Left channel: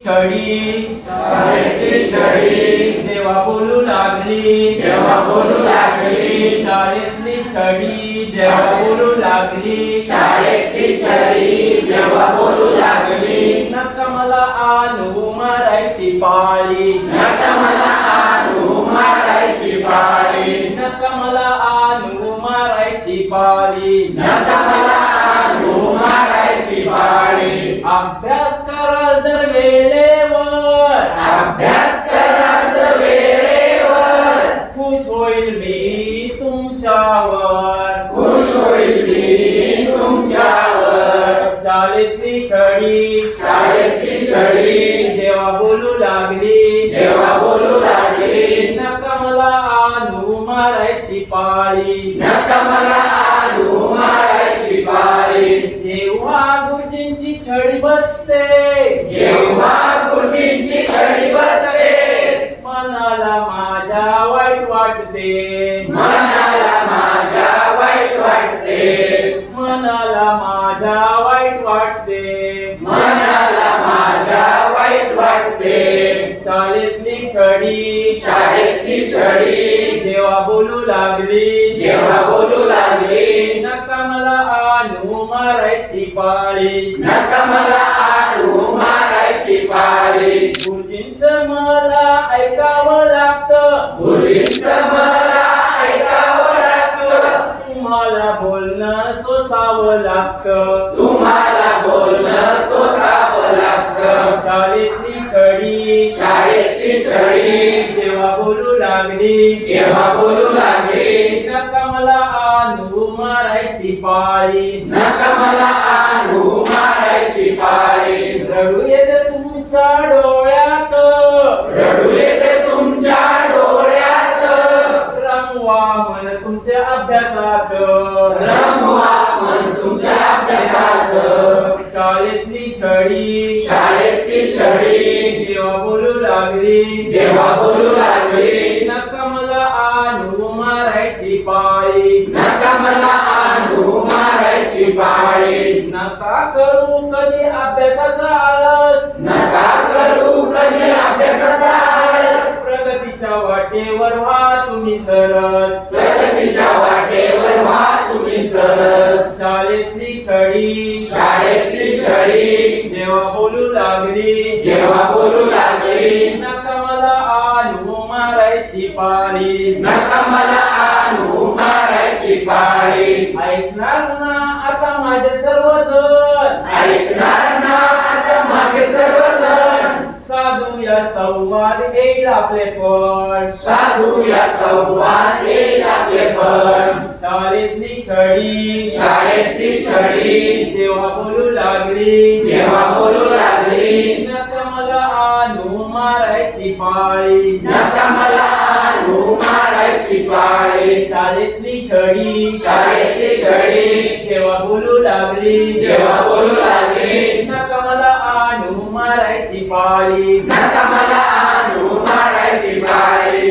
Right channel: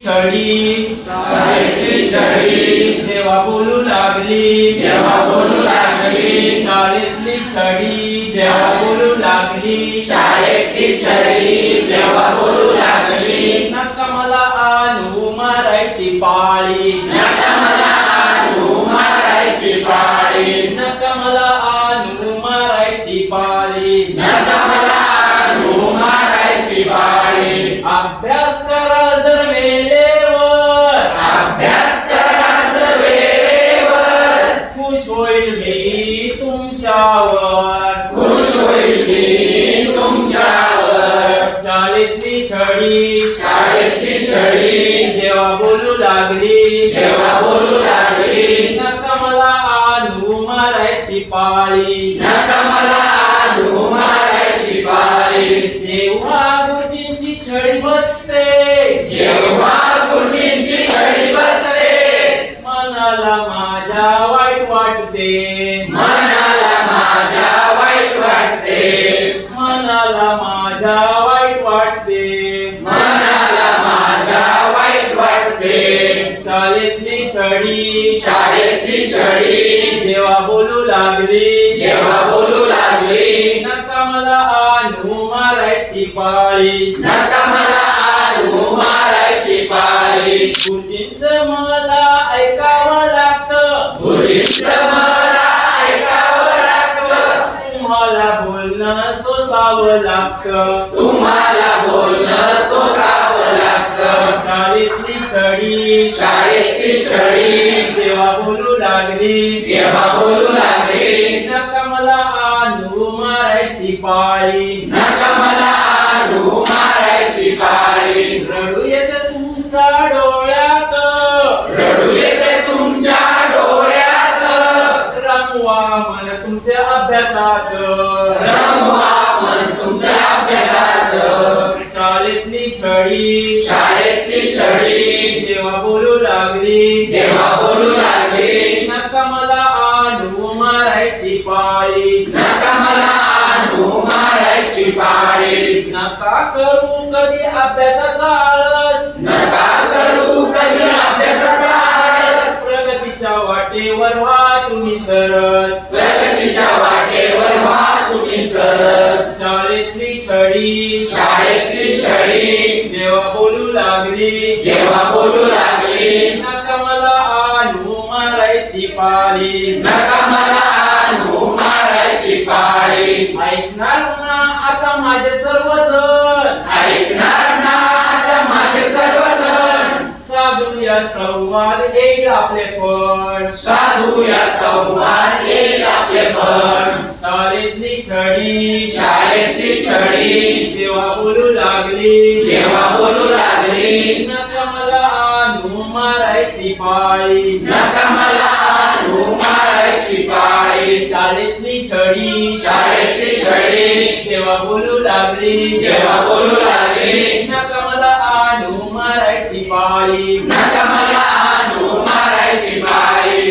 छडी जेव्हा बोलू लागली शाळेतली छडी जेव्हा बोलू लागली जेव्हा बोलू लागली नका मला आणू मारायची पाळी नका मला आणू मारायची पाळी नका मला आणू मारायची पाळी नका मला आणू मारायची पाळी अभ्यास करा जर वेळेवर अभ्यास करा तर वेळेवर खुश होईल मी तुमच्यावर खुश होईल मी तुमच्यावर शाळेतली छडी जेव्हा बोलू लागली जेव्हा बोलू लागली नका मला आणू मारायची पाळी नका मला आणू मारायची पाळी जेव्हा गुरुजींची छडी बसते जेव्हा गुरुजींची छडी बसते मनाला माझ्या वाईट वाटते मनाला माझ्या वाईट वाटते मनाला माझ्या वाईट वाटते मनाला माझ्या वाईट वाटते शाळेतली छडी छडी जेव्हा बोलू लागली जेव्हा बोलू लागली नका मला आणू मारायची पाळी नका मला आणू मारायची पाळी गुरुजींचं मला ऐकावं लागतं गुरुजींचं मला ऐकावं लागतं तुम्हाला बोलणं सोसावं लागतं तुम्हाला बोलणं सोसावं लागतं शाळेतली छडी जेव्हा बोलू लागली जेव्हा बोलू लागली नका मला आणू मारायची पाळी नका मला आणू मारायची पाळी रडू येत तुमच्या डोळ्यात रडू येते तुमच्या डोळ्यात रमवा मन तुमच्या अभ्यासात रमवा मन तुमच्या अभ्यासात शाळेतली छडी जेव्हा बोलू लागली जेव्हा बोलू लागली नका मला आणू मारायची पाळी नका मला आणू मारायची पाळी नका करू कधी अभ्यासाचा आळस नका करू कधी अभ्यासाचा आळस प्रगतीच्या वाटेवर व्हा तुम्ही सरस प्रगतीच्या वाटेवर व्हा तुम्ही सरस शाळेतली छडी जेव्हा बोलू लागली जेव्हा बोलू लागली नका मला आणू मारायची पाळी नका मला आणू मारायची पाळी ऐकणार ना आता माझे सर्वजण ऐकणार ना आता माझे सर्वजण साधू या संवाद येईल आपले पण साधू या संवाद येईल आपले पण शाळेतली छडी जेव्हा बोलू लागली जेव्हा बोलू लागली नका मला आणू मारायची पाळी नका मला आणू मारायची पाळी शाळेतली छडी जेव्हा बोलू लागली बोलू लागली नका मला आणू मारायची पाळी नका मला आणू मारायची पाळी